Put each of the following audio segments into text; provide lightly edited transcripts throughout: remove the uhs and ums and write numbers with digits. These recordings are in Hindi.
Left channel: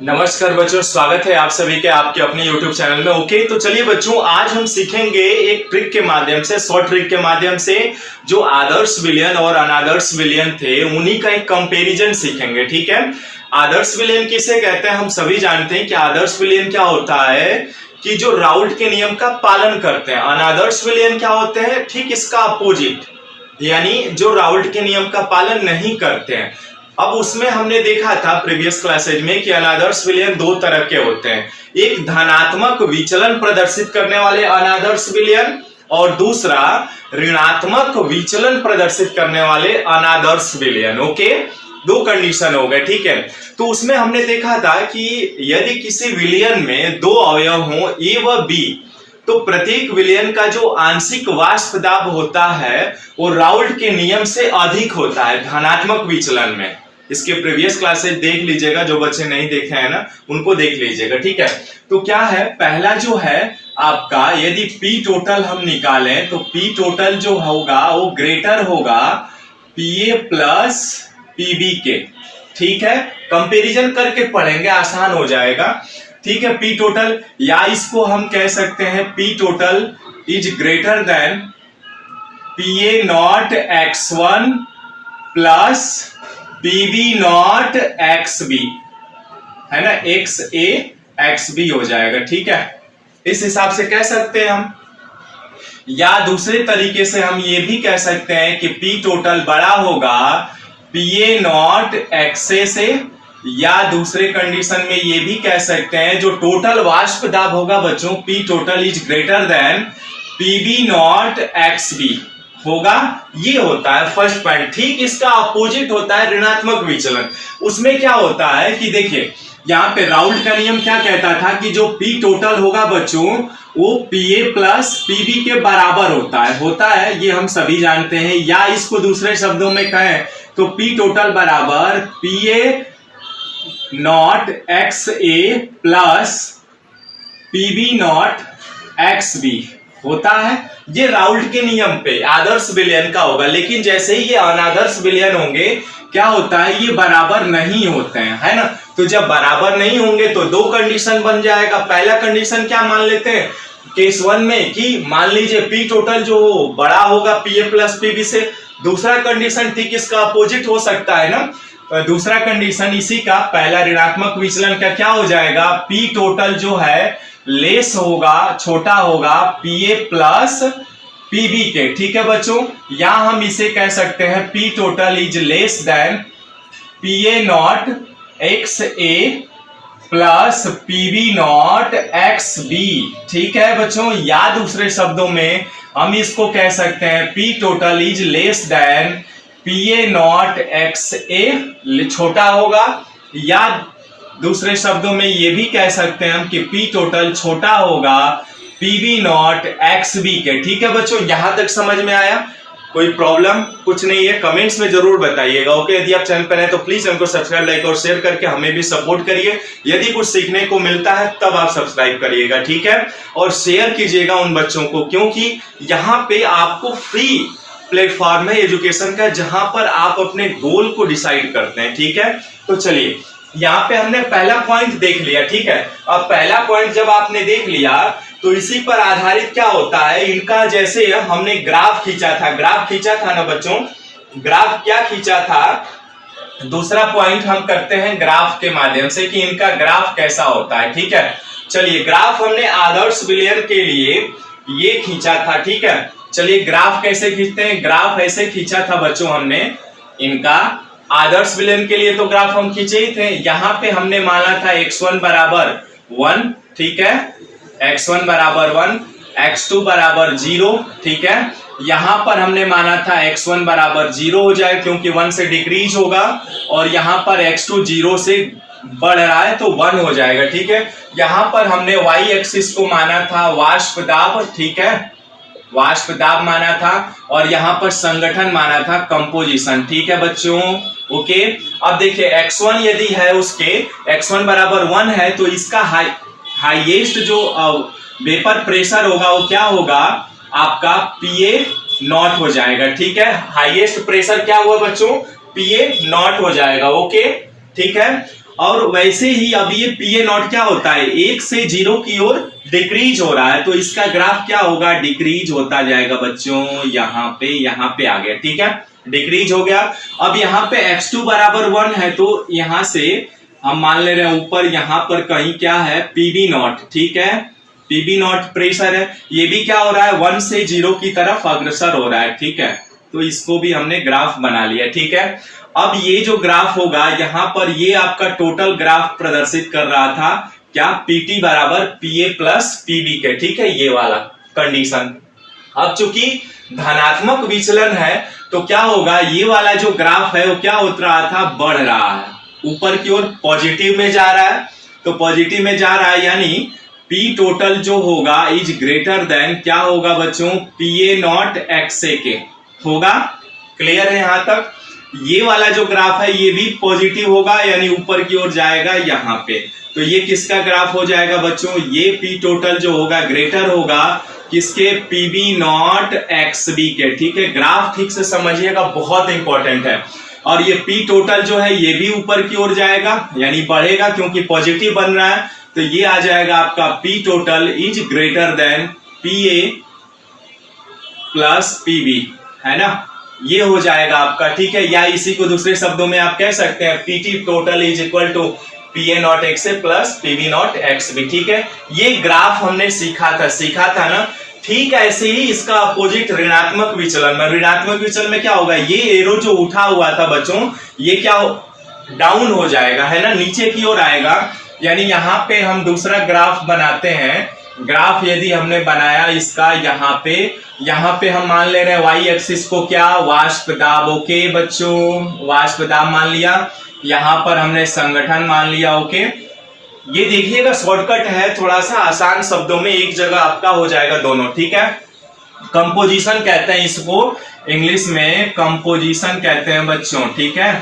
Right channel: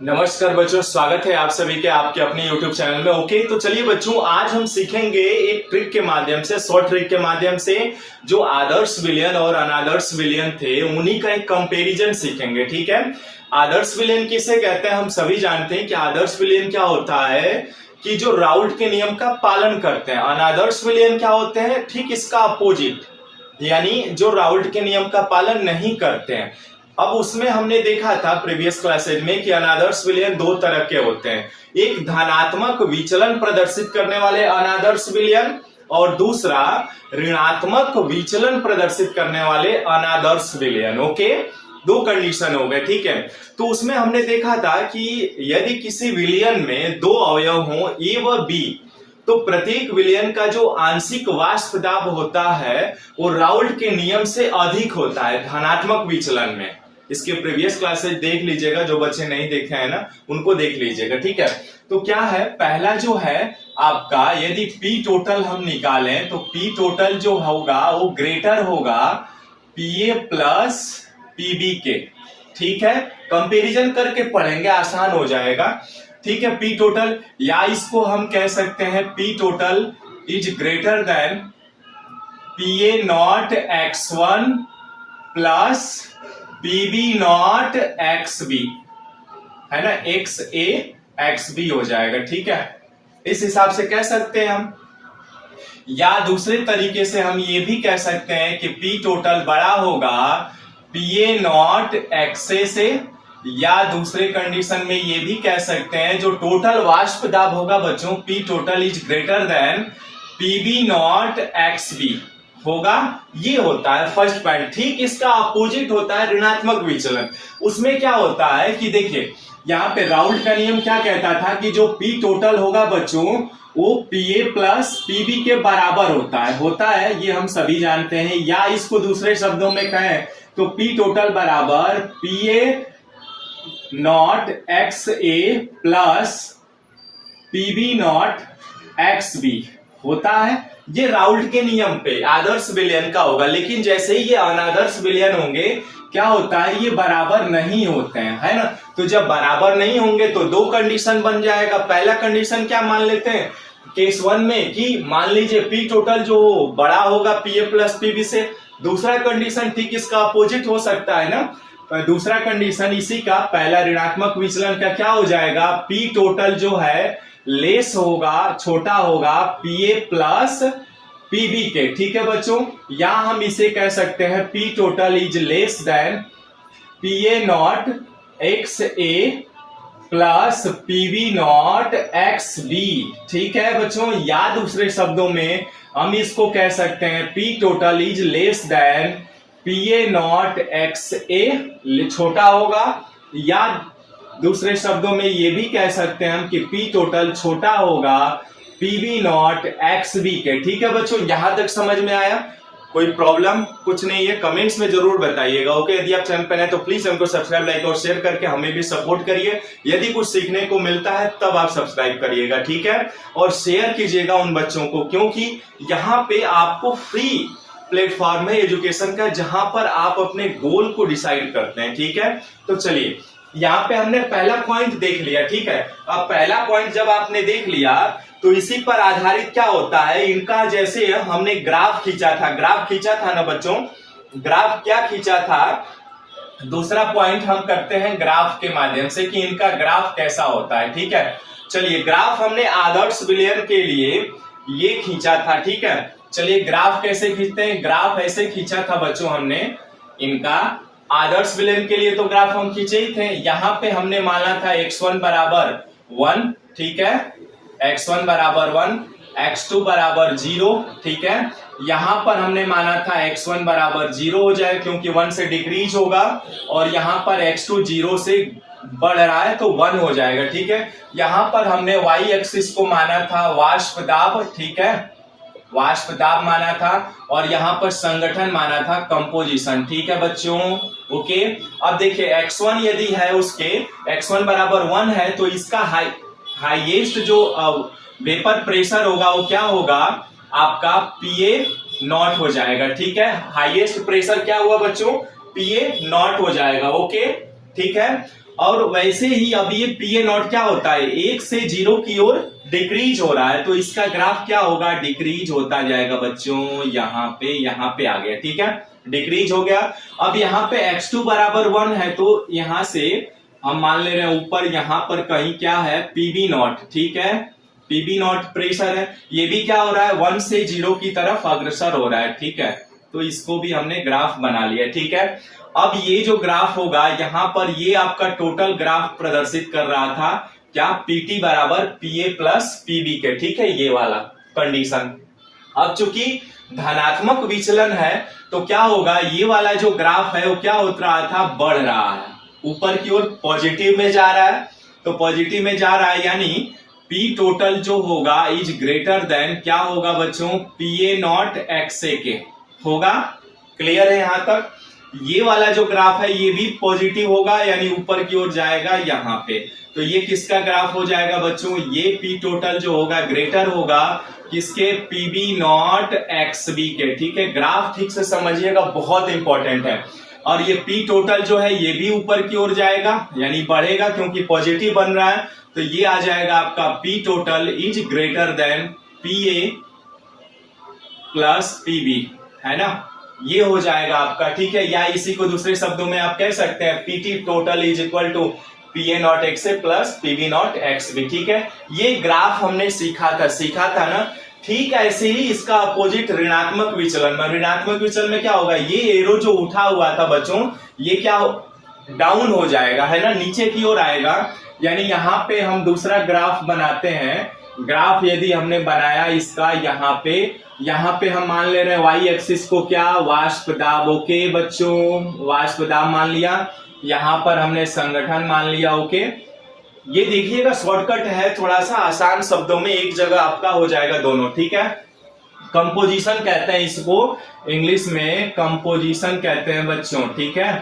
नमस्कार बच्चों, स्वागत है आप सभी के आपके अपने YouTube चैनल में। ओके, तो चलिए बच्चों, आज हम सीखेंगे एक ट्रिक के माध्यम से, शॉर्ट ट्रिक के माध्यम से जो आदर्श विलयन और अनादर्श विलयन थे उन्हीं का एक कंपैरिजन सीखेंगे। ठीक है, आदर्श विलयन किसे कहते हैं हम सभी जानते हैं कि आदर्श विलयन क्या होता है कि जो राउल्ट के नियम का पालन करते हैं। अनादर्श विलयन क्या होते हैं, ठीक इसका अपोजिट, यानी जो राउल्ट के नियम का पालन नहीं करते हैं। अब उसमें हमने देखा था प्रीवियस क्लासेज में कि अनादर्श विलयन दो तरह के होते हैं, एक धनात्मक विचलन प्रदर्शित करने वाले अनादर्श विलयन और दूसरा ऋणात्मक विचलन प्रदर्शित करने वाले अनादर्श विलयन। ओके, दो कंडीशन हो गए। ठीक है, तो उसमें हमने देखा था कि यदि किसी विलयन में दो अवयव हो ए व बी, तो प्रत्येक विलयन का जो आंशिक वाष्प दाब होता है वो राउल्ट के नियम से अधिक होता है धनात्मक विचलन में। इसके प्रीवियस क्लासेस देख लीजिएगा, जो बच्चे नहीं देखे हैं ना उनको देख लीजिएगा। ठीक है, तो क्या है, पहला जो है आपका, यदि पी टोटल हम निकालें तो पी टोटल जो होगा वो ग्रेटर होगा पीए प्लस पीबी के। ठीक है, कंपैरिजन करके पढ़ेंगे, आसान हो जाएगा। ठीक है, पी टोटल, या इसको हम कह सकते हैं P total is greater than PA naught x1 plus PB not x B, है ना, एक्स ए एक्स बी हो जाएगा। ठीक है, इस हिसाब से कह सकते हैं हम, या दूसरे तरीके से हम ये भी कह सकते हैं कि पी टोटल बड़ा होगा पीए नॉट एक्सए से, या दूसरे कंडीशन में ये भी कह सकते हैं जो टोटल वाष्प दाब होगा बच्चों, P total is greater than PB not x B होगा। ये होता है फर्स्ट पॉइंट। ठीक इसका अपोजिट होता है ऋणात्मक विचलन। उसमें क्या होता है कि देखिए, यहाँ पे राउल्ट का नियम क्या कहता था कि जो पी टोटल होगा बच्चों वो पीए प्लस पीबी के बराबर होता है, ये हम सभी जानते हैं। या इसको दूसरे शब्दों में कहें तो पी टोटल बराबर PA not x A plus PB not x B होता है। ये राउल्ट के नियम पे आदर्श विलयन का होगा। लेकिन जैसे ही ये अनादर्श विलयन होंगे क्या होता है, ये बराबर नहीं होते हैं, है ना। तो जब बराबर नहीं होंगे तो दो कंडीशन बन जाएगा। पहला कंडीशन क्या मान लेते हैं केस वन में कि मान लीजिए पी टोटल जो बड़ा होगा पीए प्लस पीबी से। दूसरा कंडीशन ठीक इसका अपोजिट हो सकता है ना। तो दूसरा कंडीशन इसी का, पहला ऋणात्मक विचलन का क्या हो जाएगा, पी टोटल जो है लेस होगा, छोटा होगा पीए प्लस पीबी के। ठीक है बच्चों, या हम इसे कह सकते हैं P total is less than PA not x A plus PB not x B. ठीक है बच्चों, या दूसरे शब्दों में हम इसको कह सकते हैं P total is less than PA not x A, छोटा होगा। या दूसरे शब्दों में ये भी कह सकते हैं हम कि पी टोटल छोटा होगा पीबी नॉट एक्स बी के। ठीक है बच्चों, यहां तक समझ में आया? कोई प्रॉब्लम कुछ नहीं है, कमेंट्स में जरूर बताइएगा। ओके, यदि आप चैनल पर हैं तो प्लीज हमको सब्सक्राइब, लाइक और शेयर करके हमें भी सपोर्ट करिए। यदि कुछ सीखने को मिलता है तब आप सब्सक्राइब करिएगा। ठीक है, और शेयर कीजिएगा उन बच्चों को, क्योंकि यहाँ पे आपको फ्री प्लेटफॉर्म है एजुकेशन का, जहां पर आप अपने गोल को डिसाइड करते हैं। ठीक है, तो चलिए, यहाँ पे हमने पहला पॉइंट देख लिया। ठीक है, अब पहला पॉइंट जब आपने देख लिया तो इसी पर आधारित क्या होता है, इनका जैसे हमने ग्राफ खींचा था ना बच्चों, ग्राफ क्या खींचा था, दूसरा पॉइंट हम करते हैं ग्राफ के माध्यम से कि इनका ग्राफ कैसा होता है। ठीक है, चलिए, ग्राफ हमने आदर्श विलयन के लिए ये खींचा था। ठीक है, चलिए ग्राफ कैसे खींचते हैं, ग्राफ ऐसे खींचा था बच्चों हमने इनका आदर्श विलयन के लिए, तो ग्राफ हम खींचे ही थे। यहाँ पे हमने माना था x1 बराबर 1, ठीक है, x1 बराबर 1, x2 बराबर 0। ठीक है, यहाँ पर हमने माना था x1 बराबर 0 हो जाए क्योंकि 1 से डिक्रीज होगा, और यहाँ पर x2 0 से बढ़ रहा है तो 1 हो जाएगा। ठीक है, यहाँ पर हमने y एक्सिस को माना था वाष्प दाब, ठीक है, वाष्प दाब माना था, और यहाँ पर संगठन माना था कंपोजिशन। ठीक है बच्चों, ओके। अब देखिए x1 यदि है उसके x1 बराबर 1 है तो इसका हाईएस्ट जो वेपर प्रेशर होगा वो क्या होगा आपका पीए नॉट हो जाएगा। ठीक है, हाईएस्ट प्रेशर क्या हुआ बच्चों, पीए नॉट हो जाएगा। ओके, ठीक है, और वैसे ही अब ये पीए नॉट क्या होता है, 1 से 0 की ओर डिक्रीज हो रहा है, तो इसका ग्राफ क्या होगा, डिक्रीज होता जाएगा बच्चों। यहाँ पे आ गया, ठीक है, डिक्रीज हो गया। अब यहाँ पे x2 बराबर 1 है, तो यहाँ से हम मान ले रहे हैं ऊपर यहाँ पर कहीं क्या है, पीबी नॉट, ठीक है, पीबी नॉट प्रेशर है, ये भी क्या हो रहा है, 1 से 0 की तरफ अग्रसर हो रहा है, ठीक है। तो इसको भी हमने ग्राफ बना लिया, ठीक है। अब ये जो ग्राफ होगा यहाँ पर, ये आपका टोटल ग्राफ प्रदर्शित कर रहा था क्या, पीटी बराबर पीए प्लस पीबी के, ठीक है, ये वाला कंडीशन। अब चूंकि धनात्मक विचलन है तो क्या होगा, ये वाला जो ग्राफ है वो क्या हो रहा था, बढ़ रहा है, ऊपर की ओर पॉजिटिव में जा रहा है। तो पॉजिटिव में जा रहा है यानी पी टोटल जो होगा इज ग्रेटर देन क्या होगा बच्चों, पीए नॉट एक्स ए के होगा। क्लियर है यहां तक। ये वाला जो ग्राफ है ये भी पॉजिटिव होगा यानी ऊपर की ओर जाएगा यहाँ पे। तो ये किसका ग्राफ हो जाएगा बच्चों, ये पी टोटल जो होगा ग्रेटर होगा किसके, पीबी नॉट एक्स बी के, ठीक है। ग्राफ ठीक से समझिएगा, बहुत इंपॉर्टेंट है। और ये पी टोटल जो है ये भी ऊपर की ओर जाएगा यानी बढ़ेगा क्योंकि पॉजिटिव बन रहा है। तो ये आ जाएगा आपका P total is greater than P A plus PB, है ना, ये हो जाएगा आपका, ठीक है। या इसी को दूसरे शब्दों में आप कह सकते हैं PT total is equal to PA not x A plus PB not x B, ठीक है। ये ग्राफ हमने सीखा था ना। ठीक ऐसे ही इसका अपोजिट ऋणात्मक विचलन में, ऋणात्मक विचलन में क्या होगा, ये एरो जो उठा हुआ था बच्चों ये क्या डाउन हो जाएगा, है ना, नीचे की ओर आएगा। यानी यहाँ पे हम दूसरा ग्राफ बनाते हैं। ग्राफ यदि हमने बनाया इसका, यहाँ पे हम मान ले रहे हैं वाई एक्सिस को क्या, वाष्प दाब, ओके बच्चों, वाष्प दाब मान लिया। यहाँ पर हमने संगठन मान लिया, ओके। ये देखिएगा शॉर्टकट है, थोड़ा सा आसान शब्दों में एक जगह आपका हो जाएगा दोनों, ठीक है। कंपोजिशन कहते हैं इसको, इंग्लिश में कंपोजिशन कहते हैं बच्चों, ठीक है।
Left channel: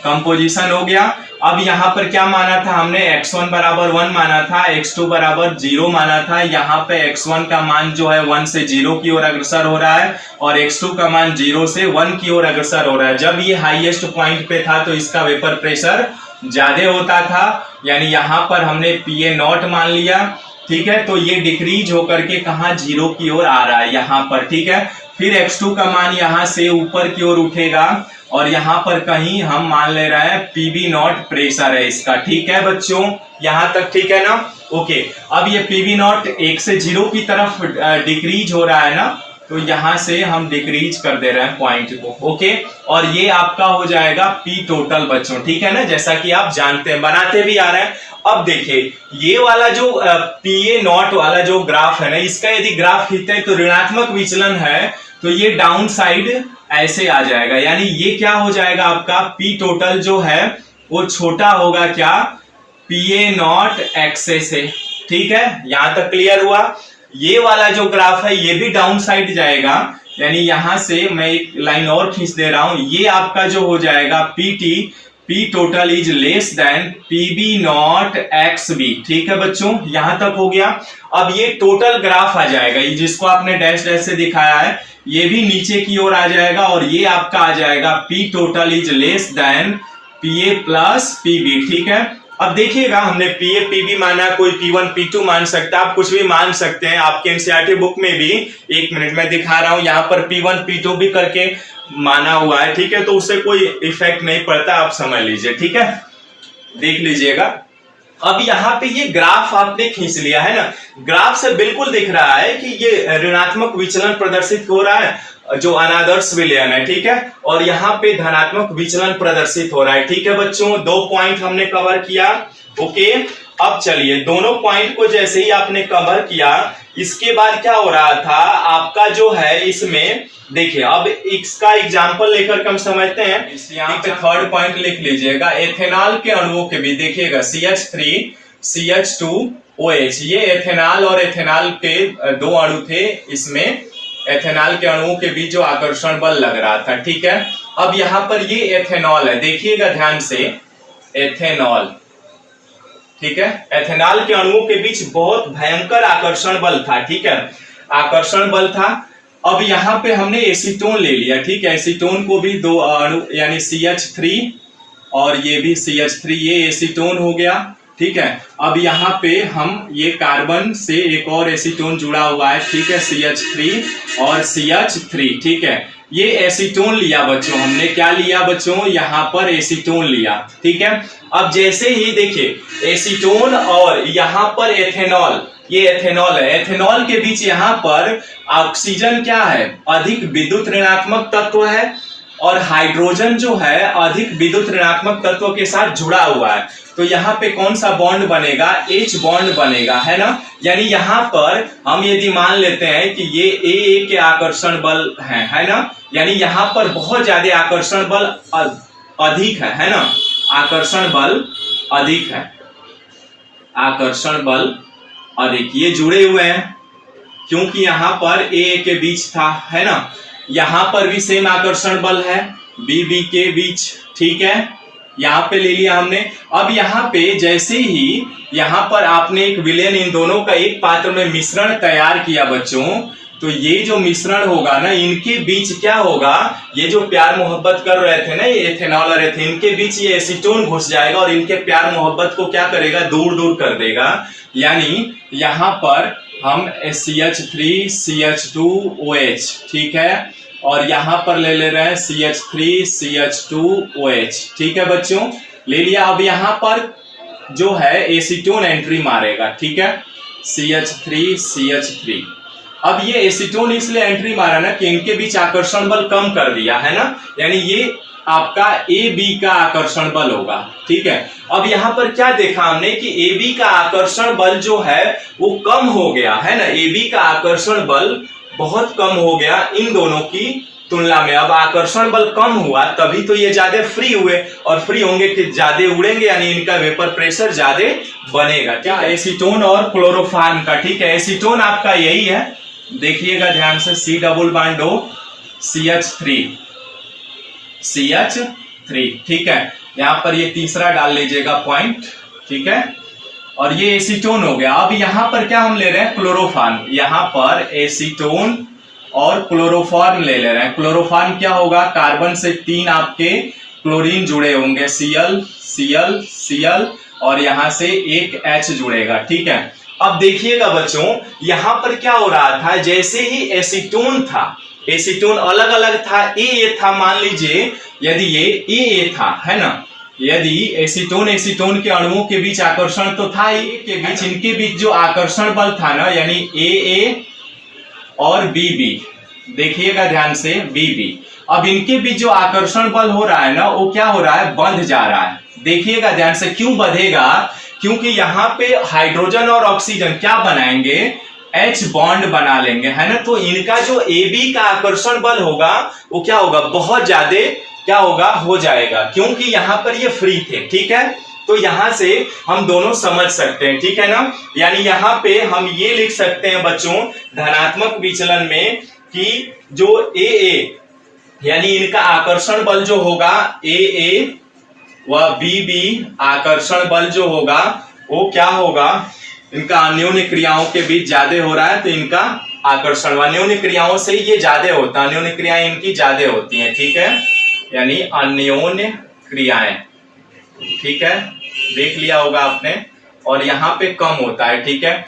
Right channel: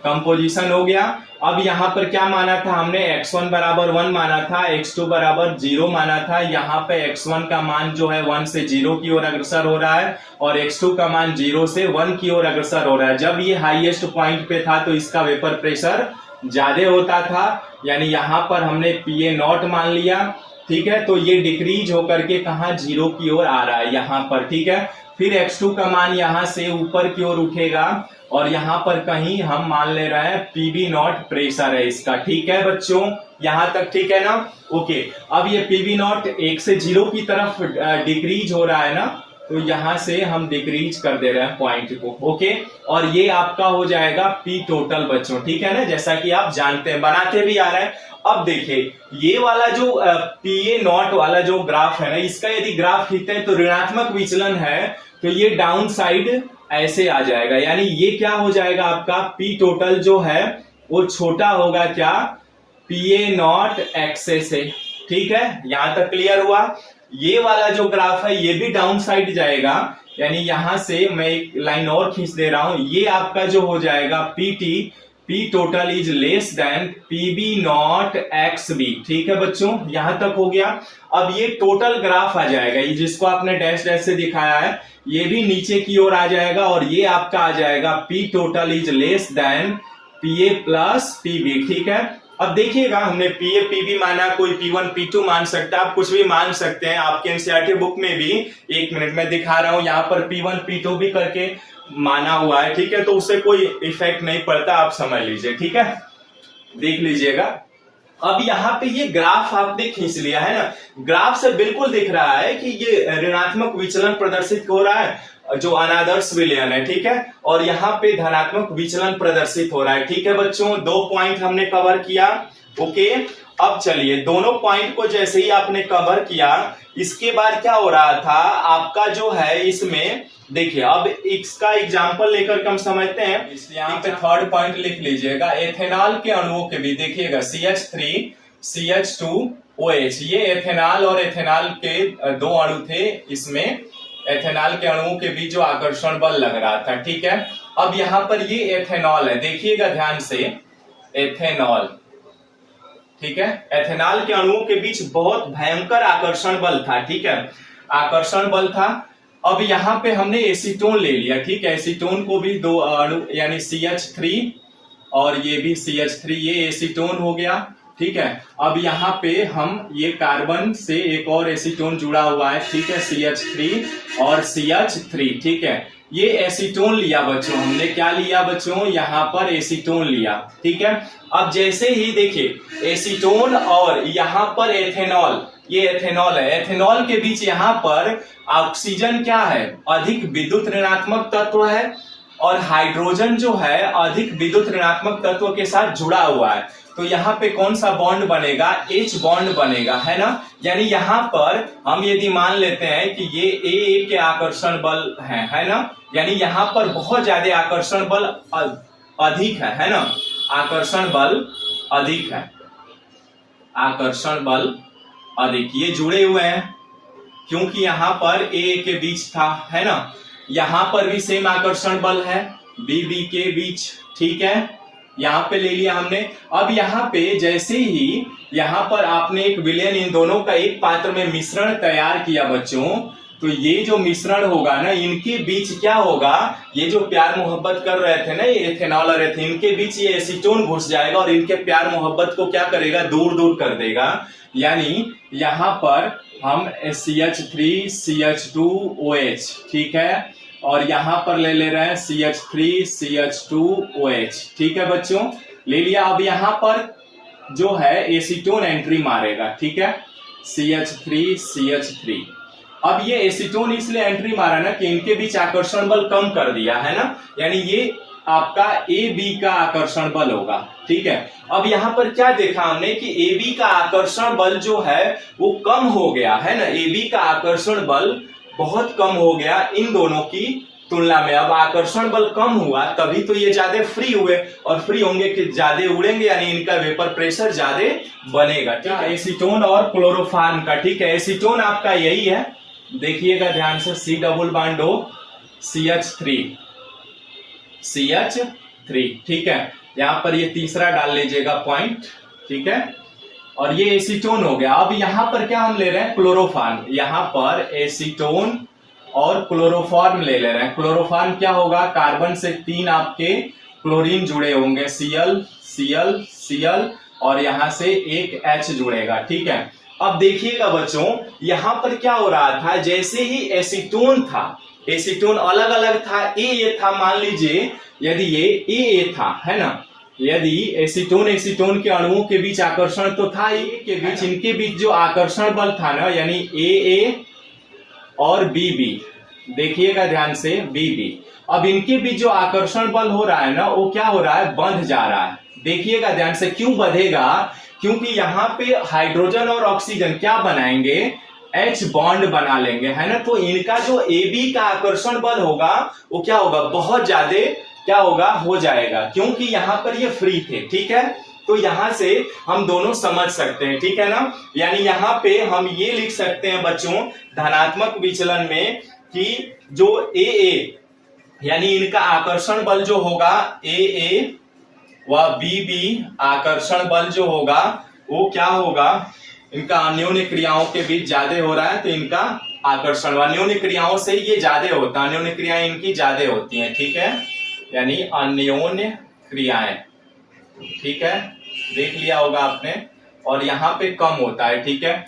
कंपोजिशन हो गया। अब यहाँ पर क्या माना था हमने, x1 बराबर 1 माना था, x2 बराबर 0 माना था। यहाँ पे x1 का मान जो है 1 से 0 की ओर अग्रसर हो रहा है और x2 का मान 0 से 1 की ओर अग्रसर हो रहा है। जब ये हाईएस्ट पॉइंट पे था तो इसका वेपर प्रेशर ज्यादा होता था, यानी यहाँ पर हमने पीए नॉट मान लिया, ठीक है। तो ये डिक्रीज होकर के कहा 0 की ओर आ रहा है यहाँ पर, ठीक है। फिर x2 का मान यहाँ से ऊपर की ओर उठेगा और यहाँ पर कहीं हम मान ले रहे हैं पीबी नॉट प्रेशर है इसका, ठीक है बच्चों, यहाँ तक ठीक है ना, ओके। अब ये पीबी नॉट 1 से 0 की तरफ डिक्रीज हो रहा है ना, तो यहाँ से हम डिक्रीज कर दे रहे हैं पॉइंट को, ओके। और ये आपका हो जाएगा पी टोटल बच्चों, ठीक है ना, जैसा कि आप जानते हैं, बनाते भी आ रहे हैं। अब देखिए ये वाला जो पीए नॉट वाला जो ग्राफ है ना, इसका यदि ग्राफ खींचते हैं तो ऋणात्मक विचलन है, तो ये डाउन साइड ऐसे आ जाएगा, यानी ये क्या हो जाएगा आपका पी टोटल जो है वो छोटा होगा क्या, पीए नॉट एक्स ए से, ठीक है। यहां तक क्लियर हुआ। ये वाला जो ग्राफ है ये भी डाउन साइड जाएगा, यानी यहां से मैं एक लाइन और खींच दे रहा हूं, ये आपका जो हो जाएगा PT, P total is less than PB not x B, ठीक है बच्चों, यहां तक हो गया। अब ये टोटल ग्राफ आ जाएगा, जिसको आपने डैश डैश से दिखाया है, ये भी नीचे की ओर आ जाएगा और ये आपका आ जाएगा P total is less than PA plus PB, ठीक है। अब देखिएगा हमने पीए पीबी माना, कोई P1 P2 मान सकता है, आप कुछ भी मान सकते हैं। आपके एनसीईआरटी बुक में भी, एक मिनट में दिखा रहा हूं, यहाँ पर P1 P2 भी करके माना हुआ है, ठीक है। तो उससे कोई इफेक्ट नहीं पड़ता, आप समझ लीजिए, ठीक है, देख लीजिएगा। अब यहाँ पे ये ग्राफ आपने खींच लिया है ना, ग्राफ से बिल्कुल दिख रहा है कि ये ऋणात्मक विचलन प्रदर्शित हो रहा है जो अनादर्श विलयन है, ठीक है। और यहाँ पे धनात्मक विचलन प्रदर्शित हो रहा है, ठीक है बच्चों। 2 पॉइंट हमने कवर किया, ओके। अब चलिए दोनों पॉइंट को जैसे ही आपने कवर किया, इसके बाद क्या हो रहा था आपका जो है, इसमें देखिए अब इसका एग्जांपल लेकर के हम समझते हैं। यहाँ पे थर्ड पॉइंट लिख लीजिएगा, एथेनॉल के अणुओं के भी देखिएगा CH3 CH2OH, ये एथेनॉल और एथेनॉल के 2 अणु थे, इसमें एथेनॉल के अणुओं के बीच जो आकर्षण बल लग रहा था, ठीक है। अब यहाँ पर ये एथेनॉल है, देखिएगा ध्यान से, एथेनॉल, ठीक है। एथेनॉल के अणुओं के बीच बहुत भयंकर आकर्षण बल था, ठीक है, आकर्षण बल था। अब यहाँ पे हमने एसीटोन ले लिया, ठीक है, एसीटोन को भी 2 अणु यानी CH3 और ये भी CH3, ये एसीटोन हो गया। ठीक है, अब यहाँ पे हम ये कार्बन से एक और एसीटोन जुड़ा हुआ है, ठीक है, CH3 और CH3। ठीक है, ये एसीटोन लिया बच्चों, हमने क्या लिया बच्चों, यहाँ पर एसीटोन लिया। ठीक है, अब जैसे ही देखिए एसीटोन और यहाँ पर एथेनॉल, ये एथेनॉल है, एथेनॉल के बीच यहाँ पर ऑक्सीजन क्या है, अधिक विद्युत ऋणात्मक तत्व है, और हाइड्रोजन जो है अधिक विद्युत ऋणात्मक तत्व के साथ जुड़ा हुआ है। तो यहाँ पे कौन सा बॉन्ड बनेगा, H बॉन्ड बनेगा, है ना। यानी यहाँ पर हम यदि मान लेते हैं कि ये A के आकर्षण बल है ना, यानी यहाँ पर बहुत ज्यादा आकर्षण बल अधिक है ना, आकर्षण बल अधिक है, आकर्षण बल अधिक, ये जुड़े हुए हैं क्योंकि यहाँ पर A के बीच था, है ना। यहाँ पर भी सेम आकर्षण बल है B के बीच। ठीक है, यहाँ पे ले लिया हमने। अब यहाँ पे जैसे ही यहाँ पर आपने एक विलयन इन दोनों का एक पात्र में मिश्रण तैयार किया बच्चों, तो ये जो मिश्रण होगा ना, इनके बीच क्या होगा, ये जो प्यार मोहब्बत कर रहे थे ना, ये एथेनॉल और एथेन, इनके बीच ये एसीटोन घुस जाएगा और इनके प्यार मोहब्बत को क्या करेगा, दूर दूर कर देगा। यानी यहाँ पर हम CH3 CH2OH, ठीक है, और यहाँ पर ले ले रहे हैं CH3 CH2OH। ठीक है बच्चों, ले लिया। अब यहाँ पर जो है एसीटोन एंट्री मारेगा, ठीक है, CH3 CH3। अब ये एसीटोन इसलिए एंट्री मारा ना कि इनके बीच आकर्षण बल कम कर दिया, है ना, यानी ये आपका AB का आकर्षण बल होगा। ठीक है, अब यहाँ पर क्या देखा हमने कि AB का आकर्षण बल जो है वो कम हो गया, है ना, AB का आकर्षण बल बहुत कम हो गया इन दोनों की तुलना में। अब आकर्षण बल कम हुआ तभी तो ये ज्यादा फ्री हुए, और फ्री होंगे कि ज्यादा उड़ेंगे, यानी इनका वेपर प्रेशर ज्यादा बनेगा। क्या, एसीटोन और क्लोरोफॉर्म का। ठीक है, एसीटोन आपका यही है, देखिएगा ध्यान से, C double bond O CH3। ठीक है, यहाँ पर ये तीसरा डाल लीजिएगा पॉइंट। ठीक है, और ये एसीटोन हो गया। अब यहाँ पर क्या हम ले रहे हैं, क्लोरोफॉर्म, यहाँ पर एसीटोन और क्लोरोफॉर्म ले रहे हैं। क्लोरोफॉर्म क्या होगा, कार्बन से 3 आपके क्लोरीन जुड़े होंगे, Cl Cl Cl, और यहाँ से एक H जुड़ेगा। ठीक है, अब देखिएगा बच्चों, यहाँ पर क्या हो रहा था, जैसे ही एसीटोन था, एसीटोन अलग अलग था, ए था, मान लीजिए यदि ये ए था, है ना, यदि एसीटोन एसीटोन के अणुओं के बीच आकर्षण तो था ही, के बीच इनके बीच जो आकर्षण बल था ना, यानी AA और BB, देखिएगा ध्यान से, BB, अब इनके बीच जो आकर्षण बल हो रहा है ना, वो क्या हो रहा है, बढ़ जा रहा है। देखिएगा ध्यान से, क्यों बढ़ेगा, क्योंकि यहाँ पे हाइड्रोजन और ऑक्सीजन क्या बनाएंगे, H बॉन्ड बना लेंगे, है ना। तो इनका जो AB का आकर्षण बल होगा वो क्या होगा, बहुत ज्यादा क्या होगा, हो जाएगा, क्योंकि यहाँ पर ये फ्री थे। ठीक है, तो यहाँ से हम दोनों समझ सकते हैं, ठीक है ना। यानी यहाँ पे हम ये लिख सकते हैं बच्चों, धनात्मक विचलन में, कि जो AA यानी इनका आकर्षण बल जो होगा, AA व BB आकर्षण बल जो होगा वो क्या होगा, इनका अन्योन्य क्रियाओं के बीच ज्यादा हो रहा है, तो इनका आकर्षण अन्योन्य क्रियाओं से ये ज्यादा होता है, अन्योन्य क्रियाएं इनकी ज्यादा होती हैं। ठीक है, यानी अन्योन्य क्रियाएं, ठीक है, देख लिया होगा आपने, और यहाँ पे कम होता है। ठीक है,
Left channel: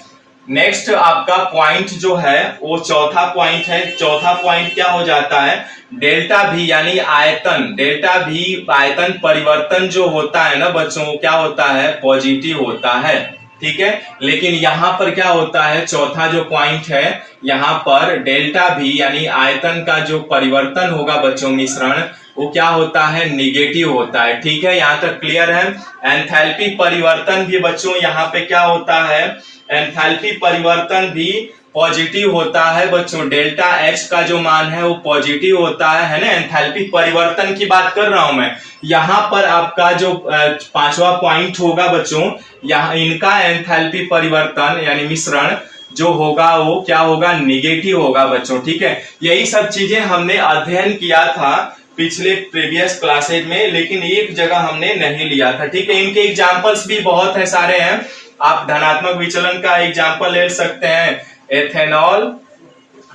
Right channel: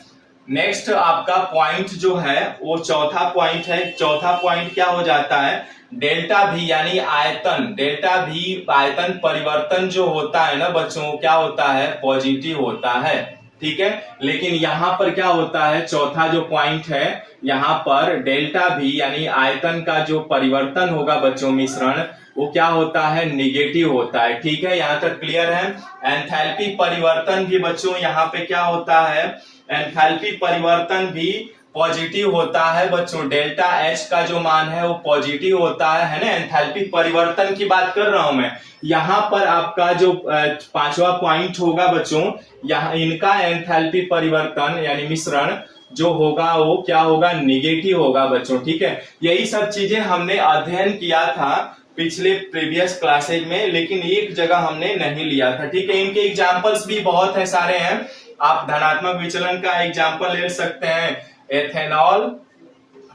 नेक्स्ट आपका पॉइंट जो है वो चौथा पॉइंट है। चौथा पॉइंट क्या हो जाता है, डेल्टा भी, यानी आयतन, डेल्टा भी आयतन परिवर्तन जो होता है ना बच्चों, क्या होता है, पॉजिटिव होता है। ठीक है, लेकिन यहाँ पर क्या होता है, चौथा जो पॉइंट है, यहाँ पर डेल्टा भी यानी आयतन का जो परिवर्तन होगा बच्चों, मिश्रण, वो क्या होता है, निगेटिव होता है। ठीक है, यहाँ तक क्लियर है। एंथैल्पी परिवर्तन भी बच्चों यहाँ पे क्या होता है, एंथैल्पी परिवर्तन भी पॉजिटिव होता है बच्चों, डेल्टा H का जो मान है वो पॉजिटिव होता है ना। एंथैल्पी परिवर्तन की बात कर रहा हूं मैं। यहाँ पर आपका जो पांचवा पॉइंट होगा बच्चों, यहाँ इनका एंथैल्पी परिवर्तन यानी मिश्रण जो होगा वो क्या होगा, निगेटिव होगा बच्चों। ठीक है, यही सब चीजें हमने अध्ययन किया था पिछले प्रीवियस क्लासेज में, लेकिन एक जगह हमने नहीं लिया था। ठीक है, इनके एग्जाम्पल्स भी बहुत है, सारे हैं। आप धनात्मक विचलन का एग्जाम्पल ले सकते हैं, एथेनॉल,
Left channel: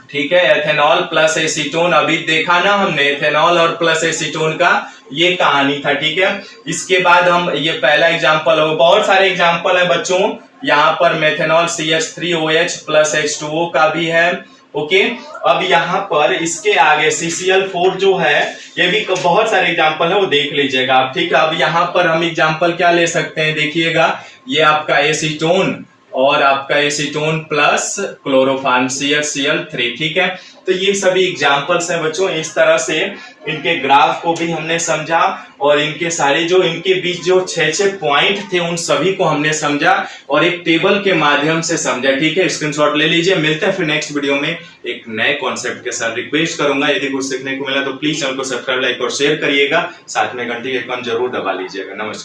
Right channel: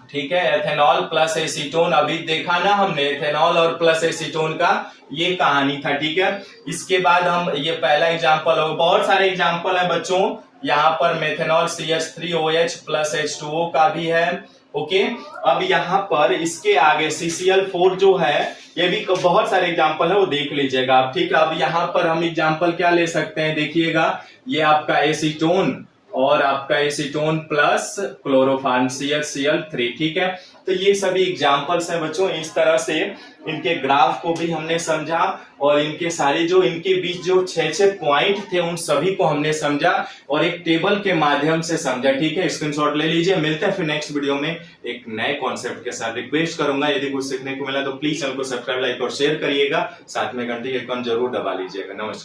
ठीक है, एथेनॉल प्लस एसीटोन, अभी देखा ना हमने, एथेनॉल और प्लस एसीटोन का ये कहानी था, ठीक है। इसके बाद हम ये पहला एग्जाम्पल हो, बहुत सारे एग्जाम्पल है बच्चों, यहाँ पर मेथेनॉल CH3OH प्लस H2O का भी है, ओके। अब यहाँ पर इसके आगे CCl4 जो है, ये भी बहुत सारे एग्जाम्पल है, वो देख लीजिएगा आप, ठीक है। अब यहाँ पर हम एग्जाम्पल क्या ले सकते हैं, देखिएगा, ये आपका एसीटोन और आपका एसीटोन प्लस क्लोरोफॉर्म CHCl3, ठीक है। तो ये सभी एग्जाम्पल्स हैं बच्चों। इस तरह से इनके ग्राफ को भी हमने समझा और इनके सारे जो इनके बीच जो 6 पॉइंट थे उन सभी को हमने समझा और एक टेबल के माध्यम से समझा, ठीक है। स्क्रीनशॉट ले लीजिए। मिलते हैं फिर नेक्स्ट वीडियो में एक नए कॉन्सेप्ट के साथ। रिक्वेस्ट करूंगा यदि कुछ सीखने को मिला तो प्लीज चैनल को सब्सक्राइब, लाइक और शेयर करिएगा, साथ में घंटी के आइकन जरूर दबा लीजिएगा। नमस्कार।